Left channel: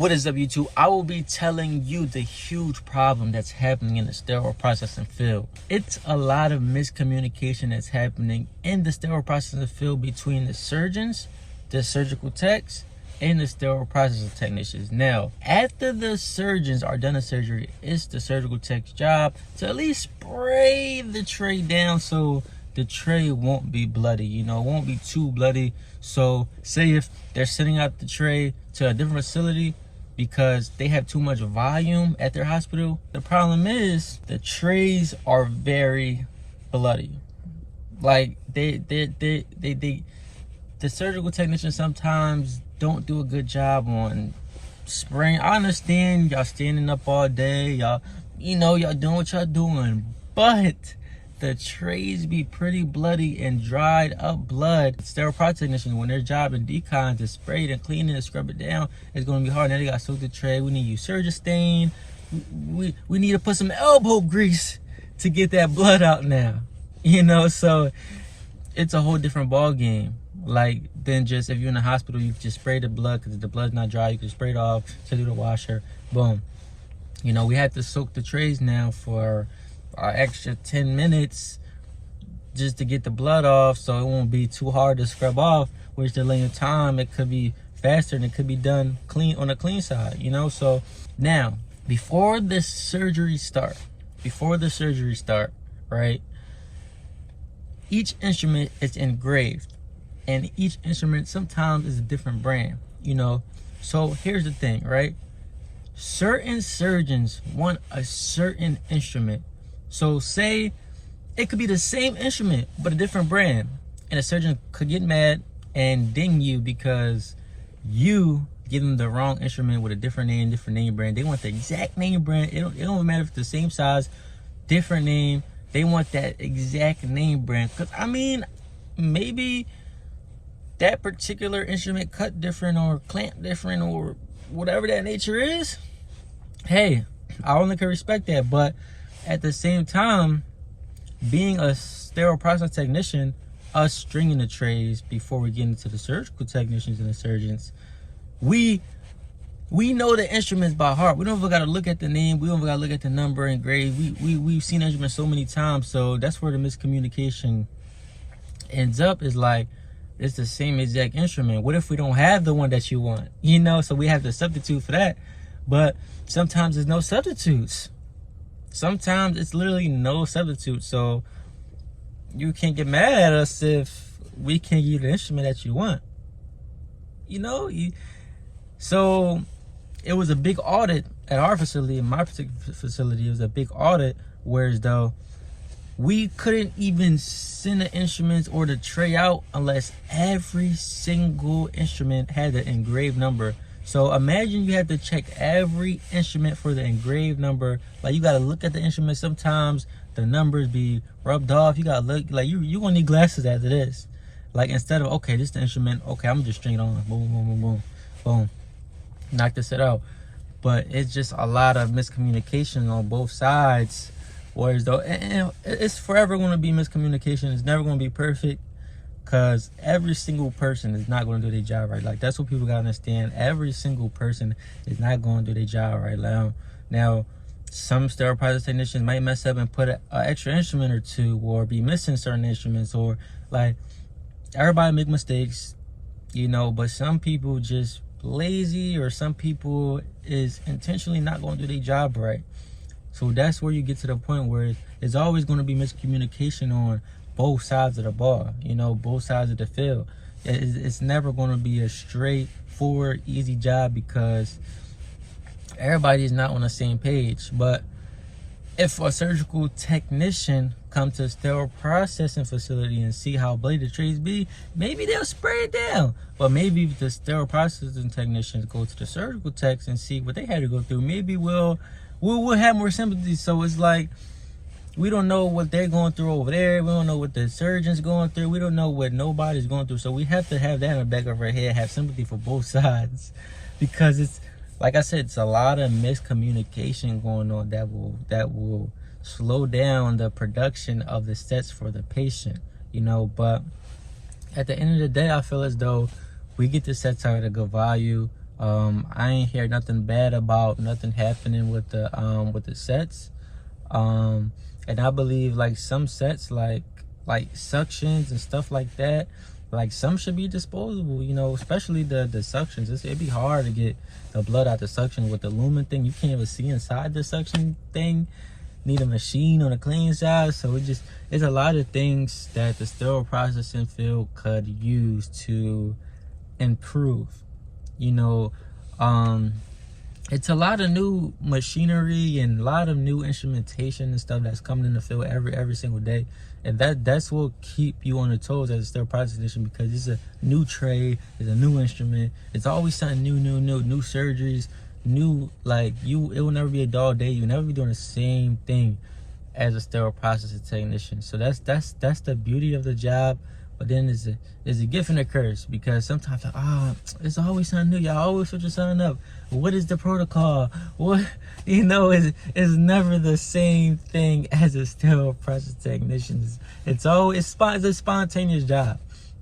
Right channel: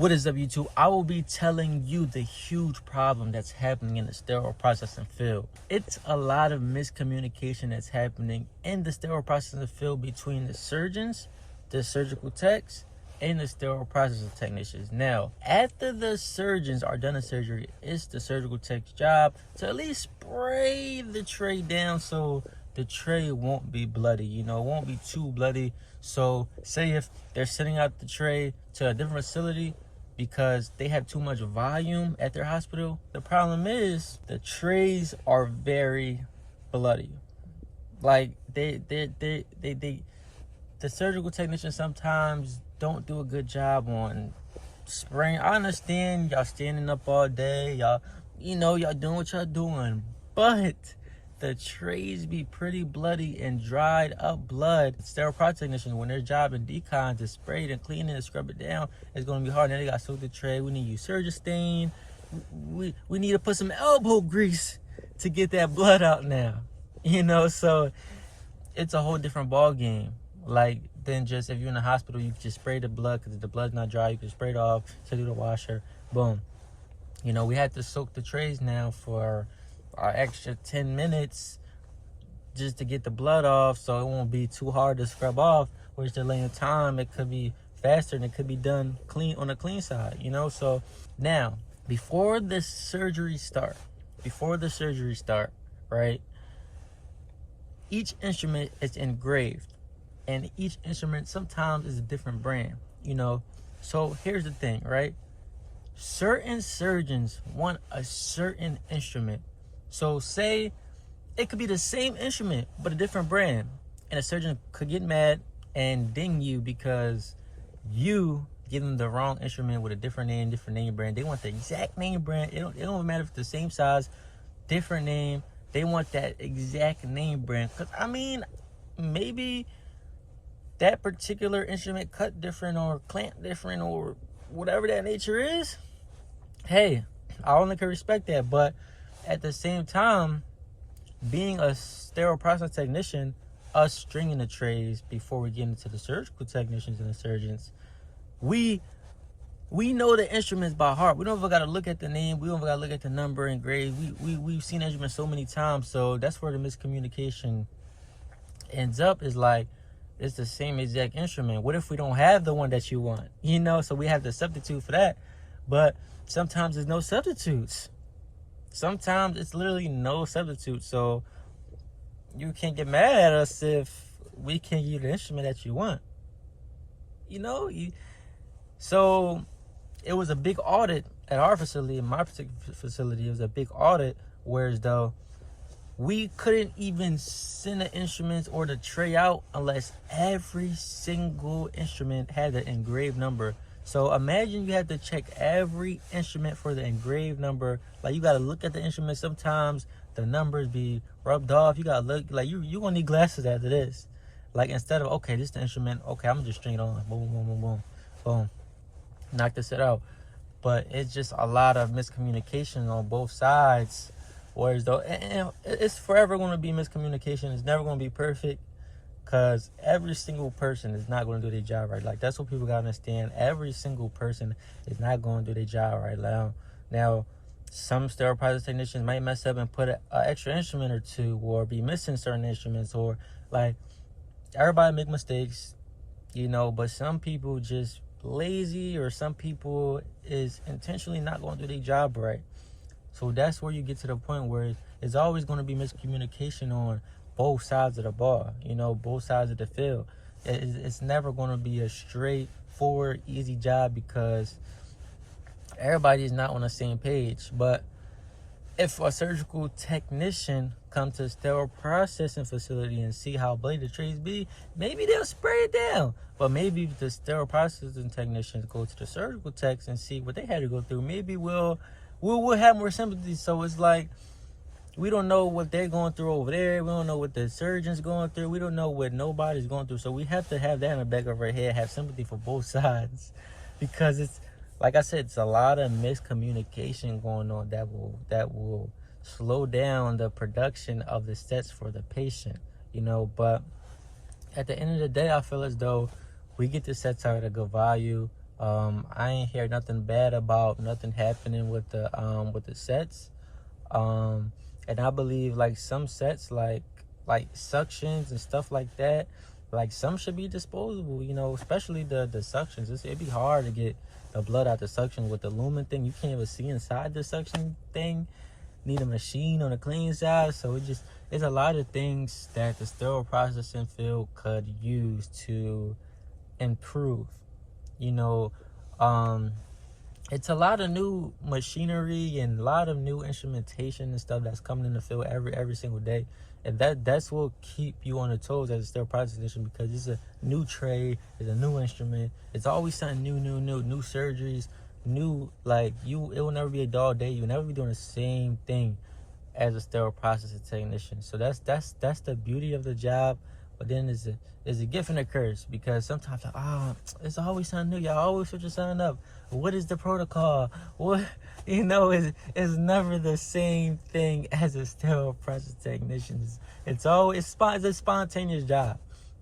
What is up, YouTube? I will be telling you the huge problem that's happening in the sterile processing field. It's a lot of miscommunication that's happening in the sterile processing field between the surgeons, the surgical techs, and the sterile processing technicians. Now, after the surgeons are done a surgery, it's the surgical tech's job to at least spray the tray down so the tray won't be bloody, it won't be too bloody. So say if they're sending out the tray to a different facility because they have too much volume at their hospital, the problem is the trays are very bloody. Like the surgical technicians sometimes don't do a good job on spraying. I understand y'all standing up all day, y'all doing what y'all doing, but the trays be pretty bloody and dried up blood. Sterile process technicians, when their job in decon to spray it and clean it and scrub it down, it's gonna be hard. Now they gotta soak the tray. We need to use Surgistain. We need to put some elbow grease to get that blood out now. So it's a whole different ball game. Like than just if you're in the hospital, you can just spray the blood because if the blood's not dry, you can spray it off, send it to the washer, boom. We have to soak the trays now for an extra 10 minutes just to get the blood off, so it won't be too hard to scrub off, which delaying time, it could be faster and it could be done clean on the clean side. So now before the surgery start, right, each instrument is engraved, and each instrument sometimes is a different brand. So here's the thing, right? Certain surgeons want a certain instrument. So say it could be the same instrument, but a different brand. And a surgeon could get mad and ding you because you give them the wrong instrument with a different name brand. They want the exact name brand. It don't matter if it's the same size, different name. They want that exact name brand. Because, maybe that particular instrument cut different or clamp different or whatever that nature is. Hey, I only can respect that. But at the same time, being a sterile process technician, us stringing the trays before we get into the surgical technicians and the surgeons, we know the instruments by heart. We don't even got to look at the name. We don't even got to look at the number and grade. We've seen instruments so many times. So that's where the miscommunication ends up, is like, it's the same exact instrument. What if we don't have the one that you want? So we have to substitute for that. But sometimes there's no substitutes. Sometimes it's literally no substitute. So you can't get mad at us if we can't give you the instrument that you want. So it was a big audit at our facility, in my particular facility. It was a big audit, whereas though we couldn't even send the instruments or the tray out unless every single instrument had the engraved number. So imagine you have to check every instrument for the engraved number. Like, you got to look at the instrument. Sometimes the numbers be rubbed off. You got to look, like, you going to need glasses after this. Like, instead of, okay, this is the instrument. Okay, I'm just string it on. Boom, boom, boom, boom, boom. Knock this shit out. But it's just a lot of miscommunication on both sides. Whereas though, and it's forever going to be miscommunication. It's never going to be perfect. Because every single person is not going to do their job right. Like, that's what people got to understand. Every single person is not going to do their job right now. Some sterile process technicians might mess up and put an extra instrument or two, or be missing certain instruments, or like, everybody make mistakes, but some people just lazy, or some people is intentionally not going to do their job right. So that's where you get to the point where it's always going to be miscommunication on both sides of the ball, both sides of the field. It's never going to be a straightforward, easy job because everybody is not on the same page. But if a surgical technician comes to a sterile processing facility and see how bloody the trays be, maybe they'll spray it down. But maybe if the sterile processing technicians go to the surgical techs and see what they had to go through, maybe we'll have more sympathy. So it's like, we don't know what they're going through over there. We don't know what the surgeon's going through. We don't know what nobody's going through. So we have to have that in the back of our head, have sympathy for both sides. Because it's, like I said, it's a lot of miscommunication going on that will slow down the production of the sets for the patient. But at the end of the day, I feel as though we get the sets out at a good value. I ain't hear nothing bad about nothing happening with the sets. And I believe like some sets like suctions and stuff like that, like some should be disposable, you know, especially the suctions. It'd be hard to get the blood out the suction with the lumen thing. You can't even see inside the suction thing. Need a machine on the clean side. So it's a lot of things that the sterile processing field could use to improve, you know. It's a lot of new machinery and a lot of new instrumentation and stuff that's coming in the field every single day, and that's what keep you on the toes as a sterile processing technician, because it's a new trade, it's a new instrument, it's always something new surgeries, new, like, it will never be a dull day. You'll never be doing the same thing as a sterile processing technician. So that's the beauty of the job. But then it's a gift and a curse, because sometimes like, it's always something new. Y'all always switch something up. What is the protocol? What, you know, it's never the same thing as a sterile processing technician. It's a spontaneous job,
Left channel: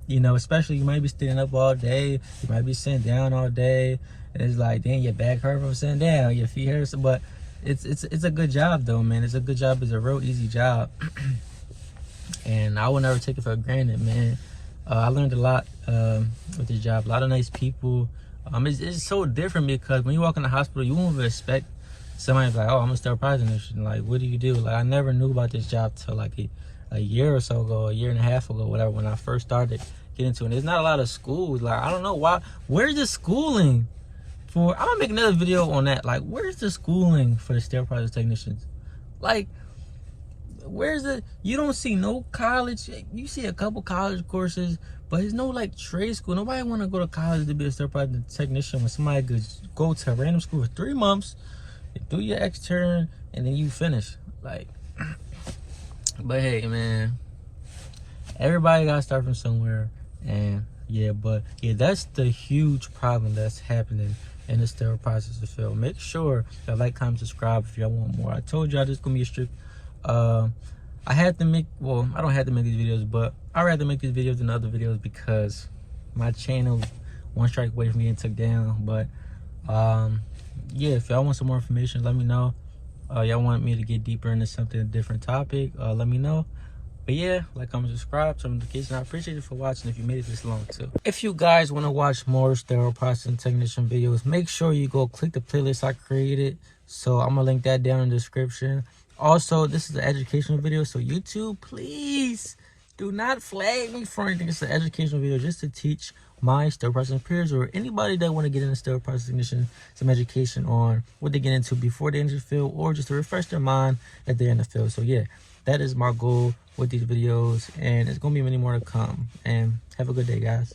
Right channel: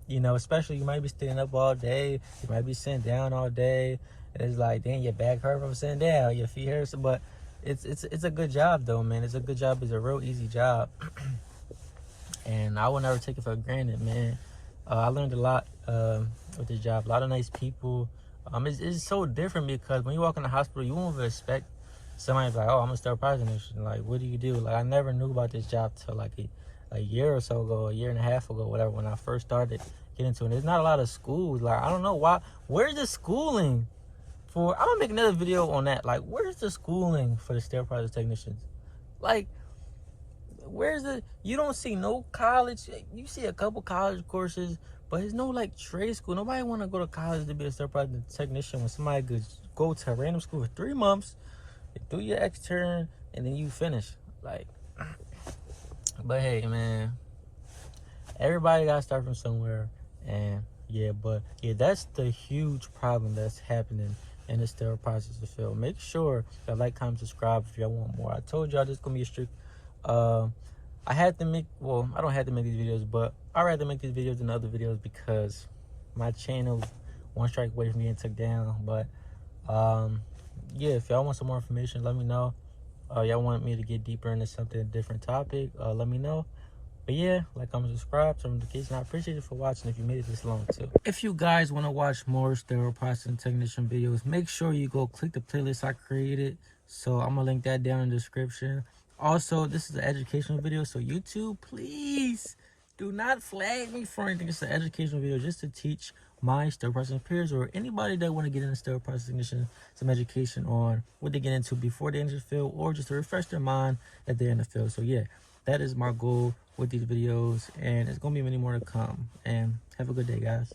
you know. Especially you might be standing up all day, you might be sitting down all day, and it's like, dang, your back hurt from sitting down, your feet hurt. But it's a good job though, man. It's a good job. It's a real easy job. And I will never take it for granted, man. I learned a lot with this job. A lot of nice people. It's so different, because when you walk in the hospital, you won't expect somebody's like, oh, I'm a sterile processing technician. Like, what do you do? Like, I never knew about this job till like a year or so ago, a year and a half ago, whatever, when I first started getting into it. There's not a lot of schools. Like, I don't know why. Where's the schooling for? I'm gonna make another video on that. Like, where's the schooling for the sterile processing technicians? Like, you don't see no college. You see a couple college courses, but there's no like trade school. Nobody want to go to college to be a sterile processing technician when somebody could go to a random school for 3 months, do your extern, and then you finish. Like, but hey, man, everybody got to start from somewhere. And yeah, that's the huge problem that's happening in the sterile processing field. Make sure you like, comment, subscribe if y'all want more. I told y'all this is gonna be a strict. I had to make, well, I don't have to make these videos, but I'd rather make these videos than other videos, because my channel one strike away from getting took down. But yeah, if y'all want some more information, let me know. Y'all want me to get deeper into something, a different topic, let me know. But yeah, like, comment, subscribe, turn notifications. I appreciate you for watching if you made it this long too. If you guys want to watch more sterile processing technician videos, make sure you go click the playlist I created. So I'm gonna link that down in the description. Also, this is an educational video, so YouTube, please do not flag me for anything. It's an educational video just to teach my sterile processing peers, or anybody that want to get into sterile processing technician, some education on what they get into before they enter the field, or just to refresh their mind that they're in the field. So yeah, that is my goal with these videos, and it's gonna be many more to come. And have a good day, guys.